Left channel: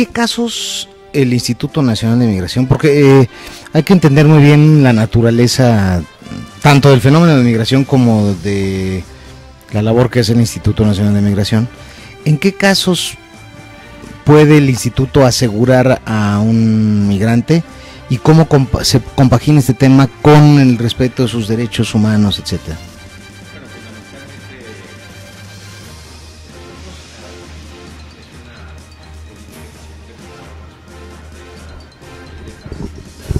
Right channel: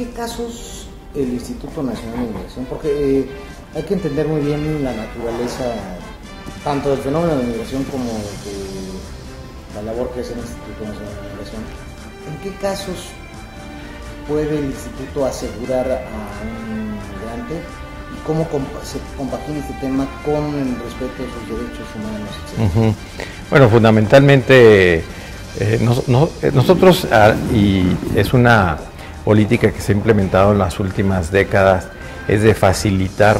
qué casos el Instituto Nacional de Migración? Porque hay que entender muy bien la naturaleza tanto del fenómeno de migración como de la labor que es el Instituto Nacional de Migración. ¿En qué casos puede el instituto asegurar a un migrante y cómo se compagina este tema con el respeto de sus derechos humanos, etcétera? Bueno, fundamentalmente nosotros, y es una política que se ha implementado en las últimas décadas, es de facilitar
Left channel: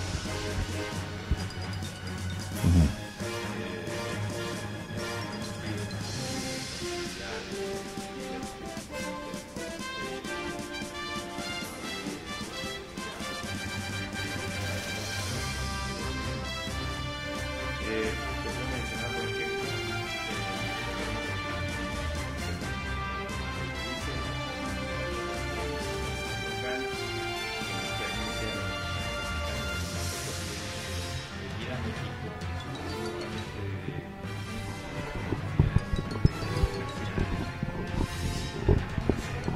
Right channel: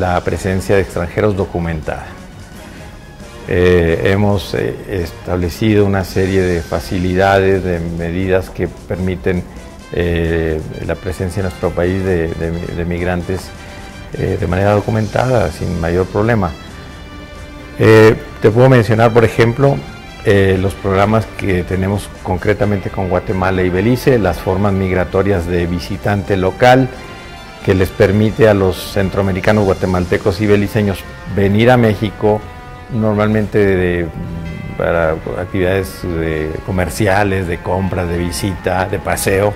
la presencia de extranjeros documentada. Hemos establecido una serie de facilidades, de medidas que permiten la presencia en nuestro país de migrantes de manera documentada, sin mayor problema. Te puedo mencionar, por ejemplo, los programas que tenemos concretamente con Guatemala y Belice, las formas migratorias de visitante local, que les permite a los centroamericanos, guatemaltecos y beliceños venir a México, normalmente para actividades comerciales, de compras, de visita, de paseo,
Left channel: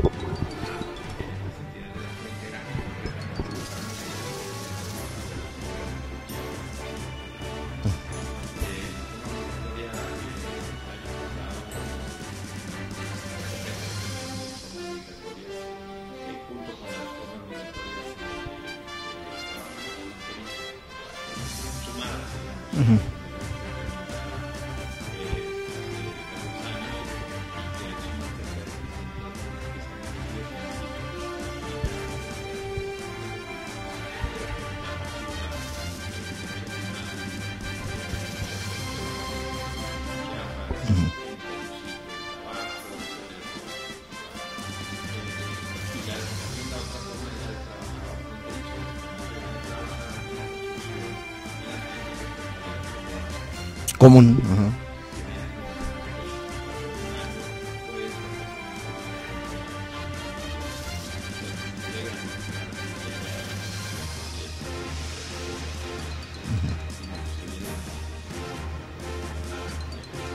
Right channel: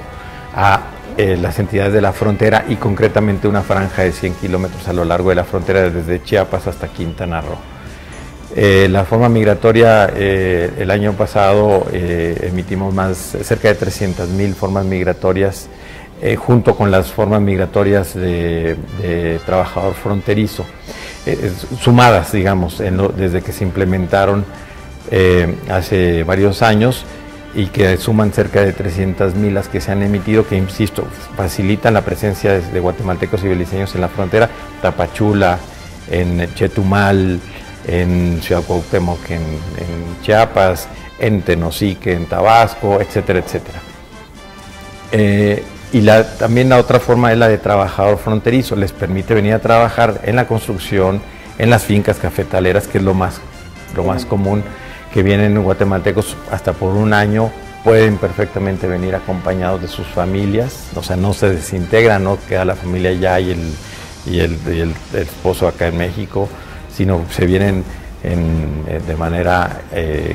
a las entidades de la frontera y concretamente una franja de 100 kilómetros a lo largo de la frontera desde Chiapas hasta Quintana Roo. La forma migratoria, el año pasado emitimos cerca de 300,000 formas migratorias, junto con las formas migratorias de trabajador fronterizo, sumadas, digamos, desde que se implementaron hace varios años, y que suman cerca de 300,000 las que se han emitido, que, insisto, facilitan la presencia de guatemaltecos y beliceños en la frontera, Tapachula, en Chetumal, en Ciudad Cuauhtémoc, en Chiapas, en Tenosique, en Tabasco, etcétera, etcétera. Y también la otra forma es la de trabajador fronterizo, les permite venir a trabajar en la construcción, en las fincas cafetaleras, que es lo más común, que vienen guatemaltecos hasta por un año, pueden perfectamente venir acompañados de sus familias, o sea, no se desintegran, no queda la familia allá y el esposo acá en México, sino se vienen de manera,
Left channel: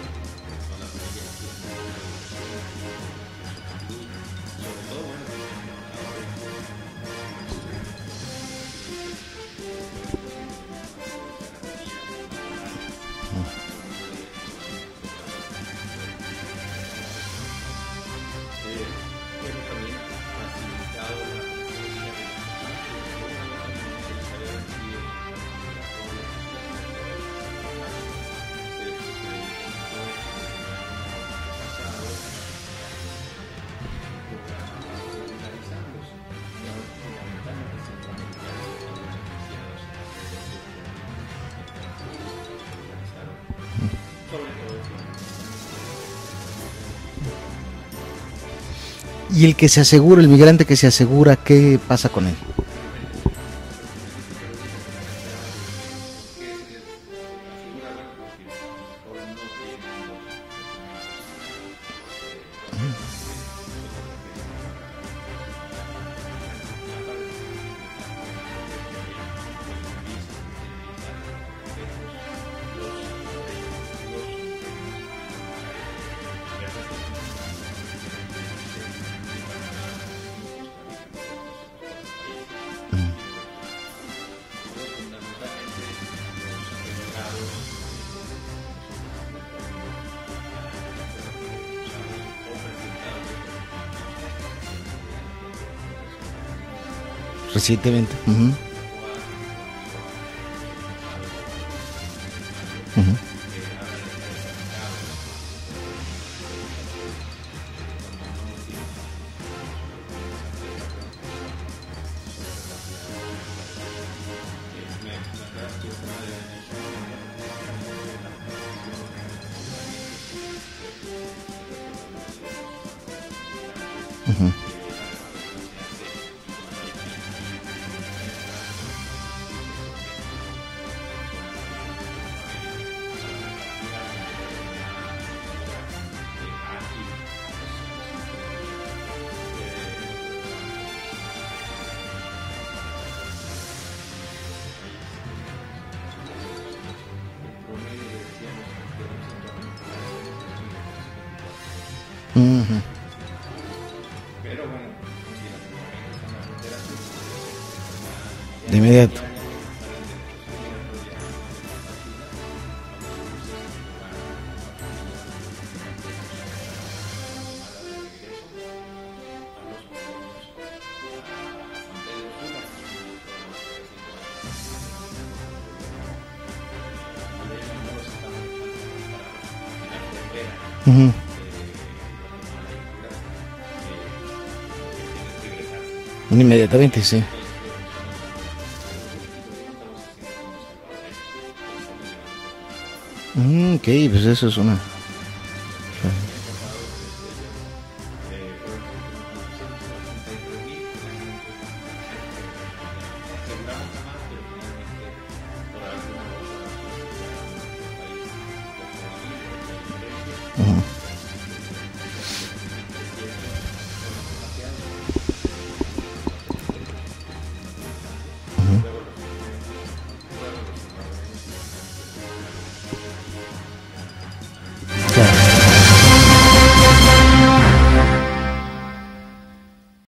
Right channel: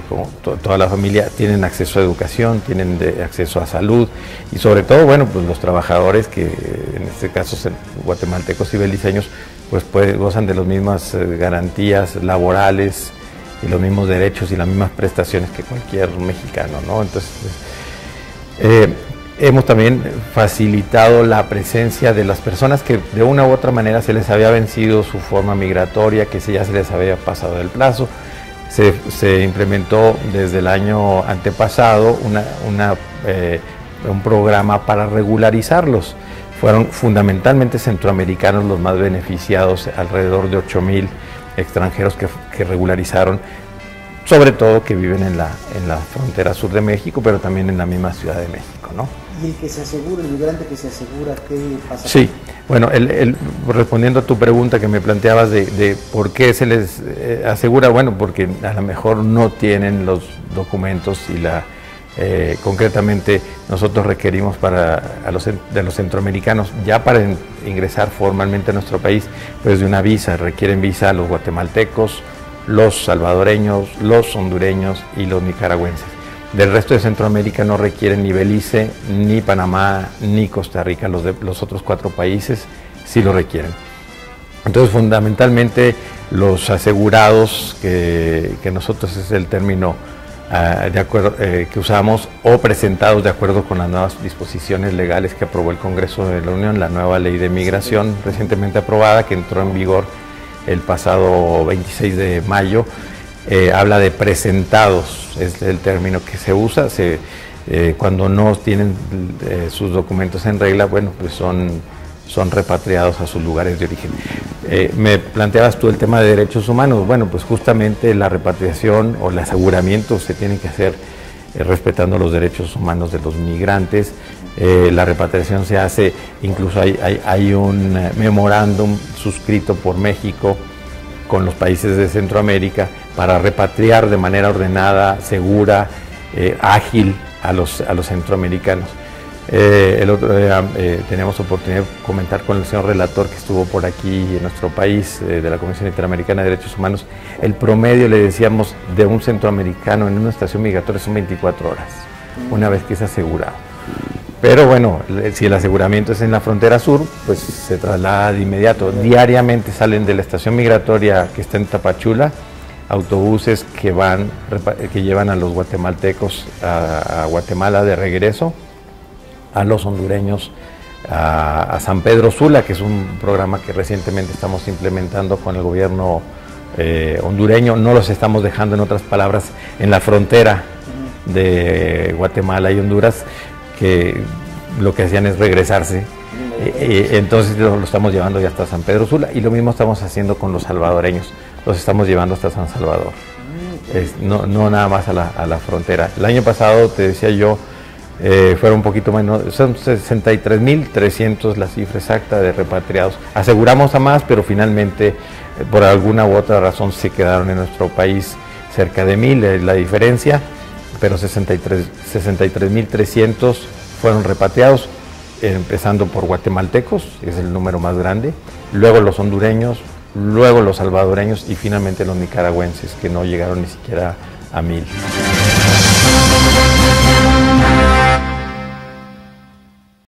como toda la familia, tienen acceso a educación, tienen acceso a salud, y sobre todo, bueno, pues los trabajadores que en este caso son guatemaltecos y beliceños, pues gozan de las mismas garantías laborales y los mismos derechos y las mismas prestaciones que cualquier mexicano, ¿no? Entonces, hemos también facilitado la presencia de las personas que de una u otra manera se les había vencido su forma migratoria, que ya se les había pasado el plazo. Se implementó desde el año antepasado un programa para regularizarlos. Fueron fundamentalmente centroamericanos los más beneficiados, alrededor de 8,000 extranjeros que regularizaron, sobre todo que viven en la frontera sur de México, pero también en la misma Ciudad de México, ¿no? Y el que se asegura, el migrante que se asegura, ¿qué pasa con él? Bueno, respondiendo a tu pregunta que me planteabas de por qué se les asegura, bueno, porque a lo mejor no tienen los documentos y concretamente nosotros requerimos de los centroamericanos, ya para ingresar formalmente a nuestro país, pues de una visa, requieren visa a los guatemaltecos, los salvadoreños, los hondureños y los nicaragüenses. Del resto de Centroamérica no requieren ni Belice, ni Panamá, ni Costa Rica. Los otros 4 países sí lo requieren. Entonces, fundamentalmente, los asegurados, que nosotros es el término que usamos, o presentados de acuerdo con las nuevas disposiciones legales que aprobó el Congreso de la Unión, la nueva ley de migración recientemente aprobada, que entró en vigor el pasado 26 de mayo, habla de presentados, es el término que se usa. Cuando no tienen sus documentos en regla, bueno, pues son repatriados a sus lugares de origen. Me planteabas tú el tema de derechos humanos. Bueno, pues justamente la repatriación o el aseguramiento se tiene que hacer respetando los derechos humanos de los migrantes. La repatriación se hace, incluso hay un memorándum suscrito por México con los países de Centroamérica para repatriar de manera ordenada, segura, ágil a los centroamericanos. El otro día teníamos oportunidad de comentar con el señor relator que estuvo por aquí en nuestro país, de la Comisión Interamericana de Derechos Humanos. El promedio, le decíamos, de un centroamericano en una estación migratoria son 24 horas, una vez que es asegurado. Pero bueno, si el aseguramiento es en la frontera sur, pues se traslada de inmediato. Diariamente salen de la estación migratoria que está en Tapachula autobuses que llevan a los guatemaltecos a Guatemala de regreso, a los hondureños a San Pedro Sula, que es un programa que recientemente estamos implementando con el gobierno hondureño. No los estamos dejando, en otras palabras, en la frontera de Guatemala y Honduras, que lo que hacían es regresarse. Inmediatamente. Entonces lo estamos llevando ya hasta San Pedro Sula, y lo mismo estamos haciendo con los salvadoreños. Los estamos llevando hasta San Salvador. Pues no nada más a la frontera. El año pasado, te decía yo, fueron un poquito menos, son 63.300 la cifra exacta de repatriados. Aseguramos a más, pero finalmente, por alguna u otra razón, se quedaron en nuestro país cerca de 1,000, la diferencia, pero 63.300 fueron repatriados, empezando por guatemaltecos, que es el número más grande, luego los hondureños, luego los salvadoreños y finalmente los nicaragüenses, que no llegaron ni siquiera a 1,000.